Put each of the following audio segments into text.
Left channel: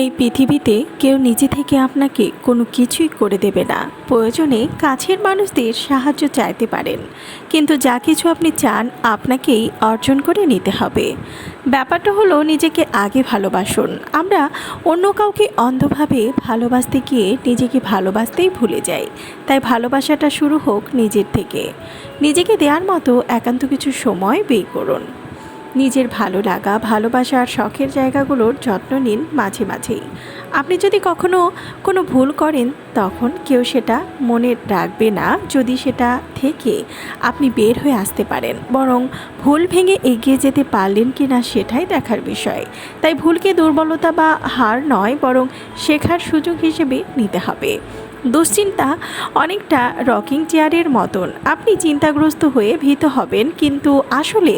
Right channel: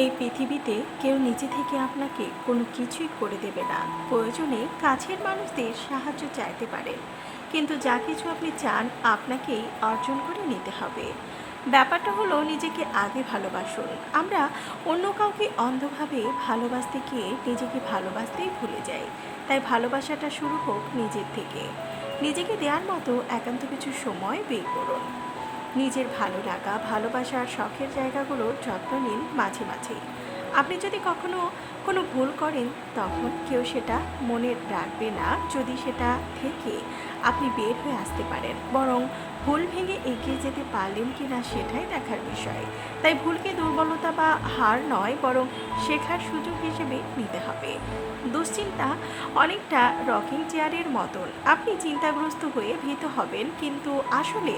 এই পৃথিবীতে কেউ নিজে থেকে আপনাকে কোনো কিছুই করে দেবে না। প্রয়োজনে কাছের মানুষদের সাহায্য চাইতে পারেন, কিন্তু যা কিছু আপনি চান আপনাকেই অর্জন করে নিতে হবে। ব্যাপারটা হলো, নিজেকে আগে ভালোবাসুন। আমরা অন্য কাউকে অন্ধভাবে ভালোবাসতে গিয়ে নিজেকে ভালোবাসতেই ভুলে যাই। তাই ভালোবাসাটা শুরু হোক নিজের থেকে। নিজেকে দেওয়ার মতো একান্ত কিছু সময় বের করুন। নিজের ভালো লাগা, ভালোবাসা আর শখের জায়গাগুলোর যত্ন নিন মাঝে মাঝেই। আপনি যদি কখনো কোনো ভুল করেন, তখন কেউ সেটা মনে রাখবে না যদি সেটা থেকে আপনি বের হয়ে আসতে পারেন। বরং ভুল ভেঙে এগিয়ে যেতে পারলেন কি না সেটাই দেখার বিষয়। তাই ভুলকে দুর্বলতা বা হার নয়, বরং শেখার সুযোগ হিসেবে নিতে হবে। দুশ্চিন্তা অনেকটা রকিং চেয়ারের মতন। আপনি চিন্তাগ্রস্ত হয়ে ভীত হবেন, কিন্তু আসলে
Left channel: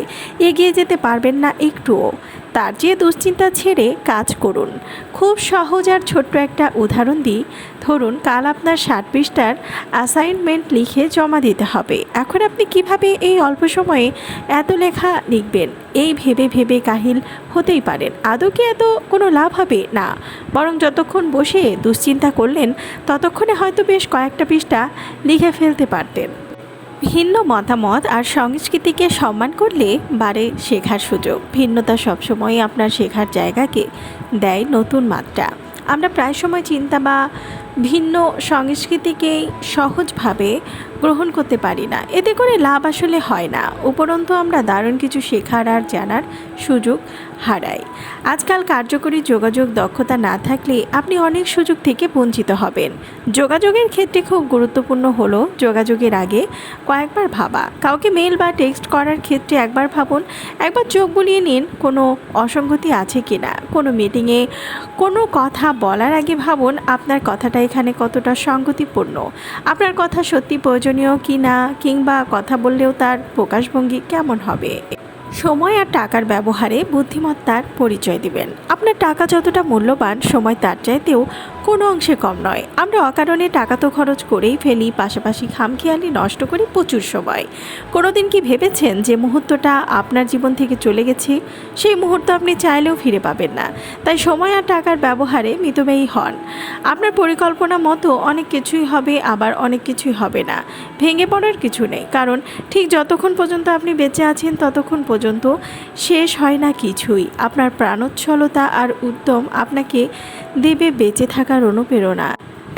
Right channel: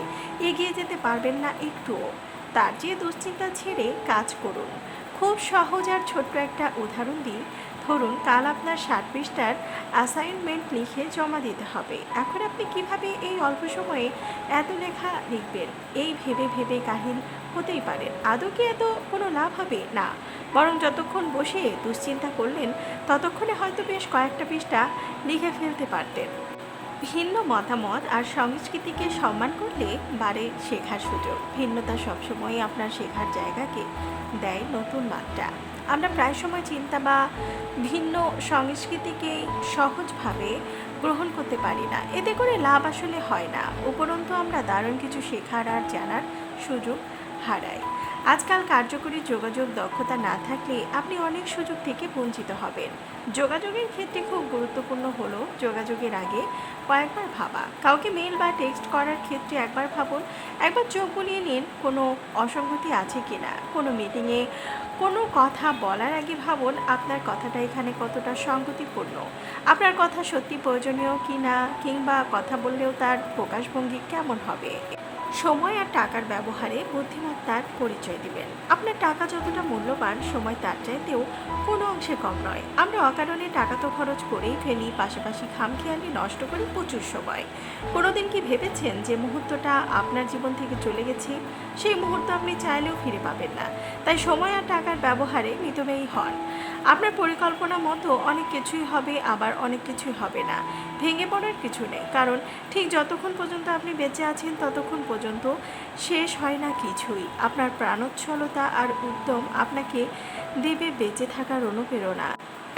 এগিয়ে যেতে পারবেন না একটুও। তার চেয়ে দুশ্চিন্তা ছেড়ে কাজ করুন। খুব সহজ আর ছোট্ট একটা উদাহরণ দিই। ধরুন, কাল আপনার 60 পৃষ্ঠার অ্যাসাইনমেন্ট লিখে জমা দিতে হবে। এখন আপনি কিভাবে এই অল্প সময়ে এত লেখা লিখবেন, এই ভেবে ভেবে কাহিল হতেই পারেন। আদৌ কি এত কোনো লাভ হবে না, বরং যতক্ষণ বসে দুশ্চিন্তা করলেন ততক্ষণে হয়তো বেশ কয়েকটা পৃষ্ঠা লিখে ফেলতে পারতেন। ভিন্ন মতামত আর সংস্কৃতিকে সম্মান করলে বাড়ে শেখার সুযোগ। ভিন্নতা সবসময় আপনার শেখার জায়গাকে দেয় নতুন মাত্রা। আমরা প্রায় সময় চিন্তা বা ভিন্ন সংস্কৃতিকেই সহজভাবে গ্রহণ করতে পারি না। এতে করে লাভ আসলে হয় না, উপরন্তু আমরা দারুণ কিছু শেখার আর জানার সুযোগ হারাই। আজকাল কার্যকরী যোগাযোগ দক্ষতা না থাকলে আপনি অনেক সুযোগ থেকে বঞ্চিত হবেন। যোগাযোগের ক্ষেত্রে খুব গুরুত্বপূর্ণ হলো যোগাযোগের আগে কয়েকবার ভাবা। কাউকে মেল বা টেক্সট করার ক্ষেত্রে একবার ভাবুন, একবার চোখ বুলিয়ে নিন কোনো অসঙ্গতি আছে কিনা। কোনো মিটিংয়ে কোনো কথা বলার আগে ভাবুন আপনার কথাটা এখানে কতটা সঙ্গতিপূর্ণ, আপনার কথা সত্যি প্রয়োজনীয় কি না, কিংবা কথা বললেও তার প্রকাশভঙ্গি কেমন হবে। সময় আর টাকার ব্যবহারে বুদ্ধিমত্তার পরিচয় দিবেন। আপনার টাকা যতটা মূল্যবান, সময় তার চাইতেও কোনো অংশে কম নয়। আমরা অকারণে টাকা তো খরচ করেই ফেলি, পাশাপাশি খামখেয়ালি নষ্ট করি প্রচুর সময়। কোনোদিন কি ভেবেছেন যে মুহূর্তটা আপনার জীবন থেকে চলে গেছে, সেই মুহূর্ত আপনি চাইলেও ফিরে পাবেন না। তাই সময় আর টাকার ব্যবহারে মিতব্যয়ী হন। আপনার পরিকল্পনা মতো অনেক কিছুই হবে, আবার অনেক কিছুই হবে না। ভেঙে পড়ার কিছু নেই, কারণ ঠিক যতক্ষণ পর্যন্ত আপনি বেঁচে আছেন ততক্ষণ পর্যন্ত শেষ হয় না কিছুই। আপনার প্রাণোচ্ছলতা আর উদ্যম আপনাকে দেবে বেঁচে থাকার অনুপ্রেরণা।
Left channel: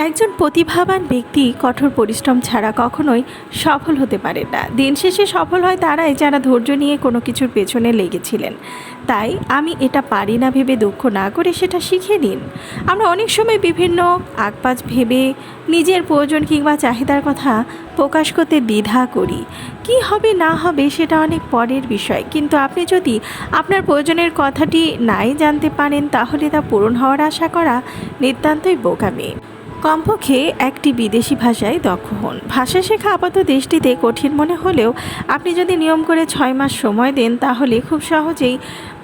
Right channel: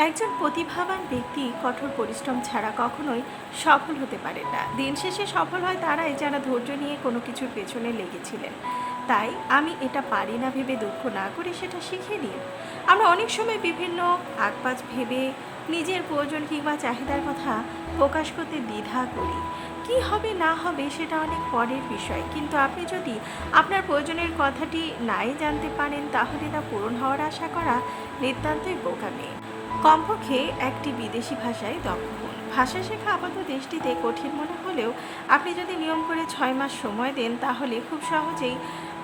একজন প্রতিভাবান ব্যক্তি কঠোর পরিশ্রম ছাড়া কখনোই সফল হতে পারে না। দিন শেষে সফল হয় তারাই যারা ধৈর্য নিয়ে কোনো কিছুর পেছনে লেগেছিলেন। তাই আমি এটা পারি না ভেবে দুঃখ না করে সেটা শিখে নিন। আমরা অনেক সময় বিভিন্ন আকপাজ ভেবে নিজের প্রয়োজন কিংবা চাহিদার কথা প্রকাশ করতে দ্বিধা করি। কি হবে না হবে সেটা অনেক পরের বিষয়, কিন্তু আপনি যদি আপনার প্রয়োজনের কথাটি নাই জানতে পারেন, তাহলে তা পূরণ হওয়ার আশা করা নিতান্তই বোকামি। কমপক্ষে একটি বিদেশি ভাষায় দক্ষ হন। ভাষা শেখা আপাত দৃষ্টিতে কঠিন মনে হলেও আপনি যদি নিয়ম করে 6 মাস সময় দেন, তাহলে খুব সহজেই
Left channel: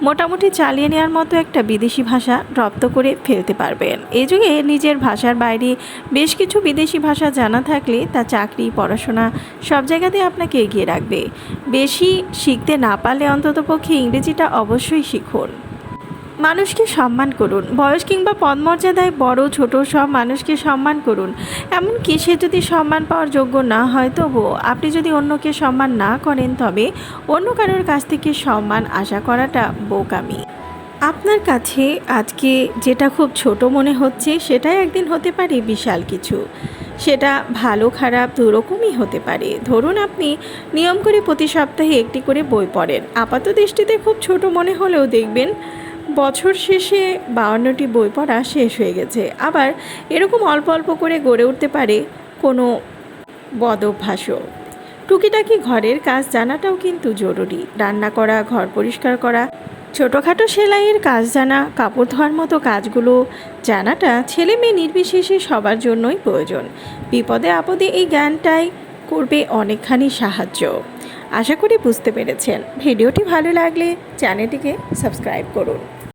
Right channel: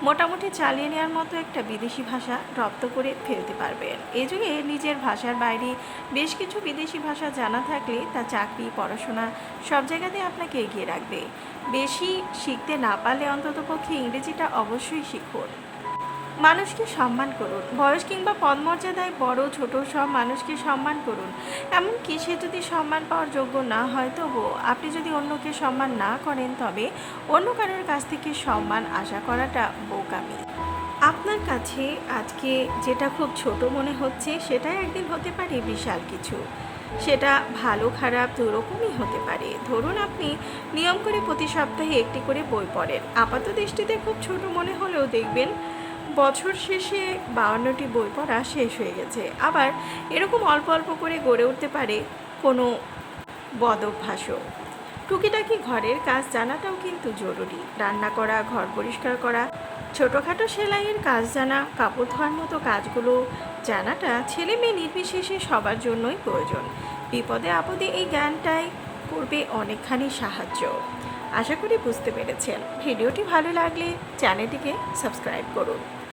মোটামুটি চালিয়ে নেওয়ার মতো একটা বিদেশি ভাষা রপ্ত করে ফেলতে পারবেন। এই যুগে নিজের ভাষার বাইরে বেশ কিছু বিদেশি ভাষা জানা থাকলে তা চাকরি, পড়াশোনা সব জায়গাতে আপনাকে এগিয়ে রাখবে। বেশি শিখতে না পারলে অন্ততপক্ষে ইংরেজিটা অবশ্যই শিখুন। মানুষকে সম্মান করুন। বয়স কিংবা পদমর্যাদায় বড় ছোট সব মানুষকে সম্মান করুন। এমনকি সে যদি সম্মান পাওয়ার যোগ্য না হয়, তবুও আপনি যদি অন্যকে সম্মান না করেন, তবে অন্য কারোর কাছ থেকে সম্মান আশা করাটা বোকামি। আপনার কাছে আজকে যেটা খুব ছোট মনে হচ্ছে, সেটাই একদিন হতে পারে বিশাল কিছু। সেটা ভালো খারাপ দুরকমই হতে পারে। ধরুন, আপনি নিয়ম করে প্রতি সপ্তাহে একটি করে বই পড়েন। আপাত দৃষ্টিতে খুব ছোট মনে হলেও দেখবেন বছর শেষে 52টি বই পড়া শেষ হয়ে গেছে। আবার এরকম অল্প অল্প করে গড়ে উঠতে পারে কোনো বদ অভ্যাসও। টুকিটাকি ঘরের কাজ জানাটাও কিন্তু জরুরি। রান্না করা, ঘর পরিষ্কার করা, ছোটোখাটো সেলাইয়ের কাজ জানা, কাপড় ধোয়ার মতো কাজগুলো জানাটা ছেলে মেয়ে নির্বিশেষে সবার জন্যই প্রয়োজন। বিপদে আপদে এই জ্ঞানটাই করবে অনেকখানি সাহায্য। আশা করি বুঝতে পেরেছেন। ভিডিওটি ভালো লাগলে চ্যানেলটিকে সাবস্ক্রাইব করুন।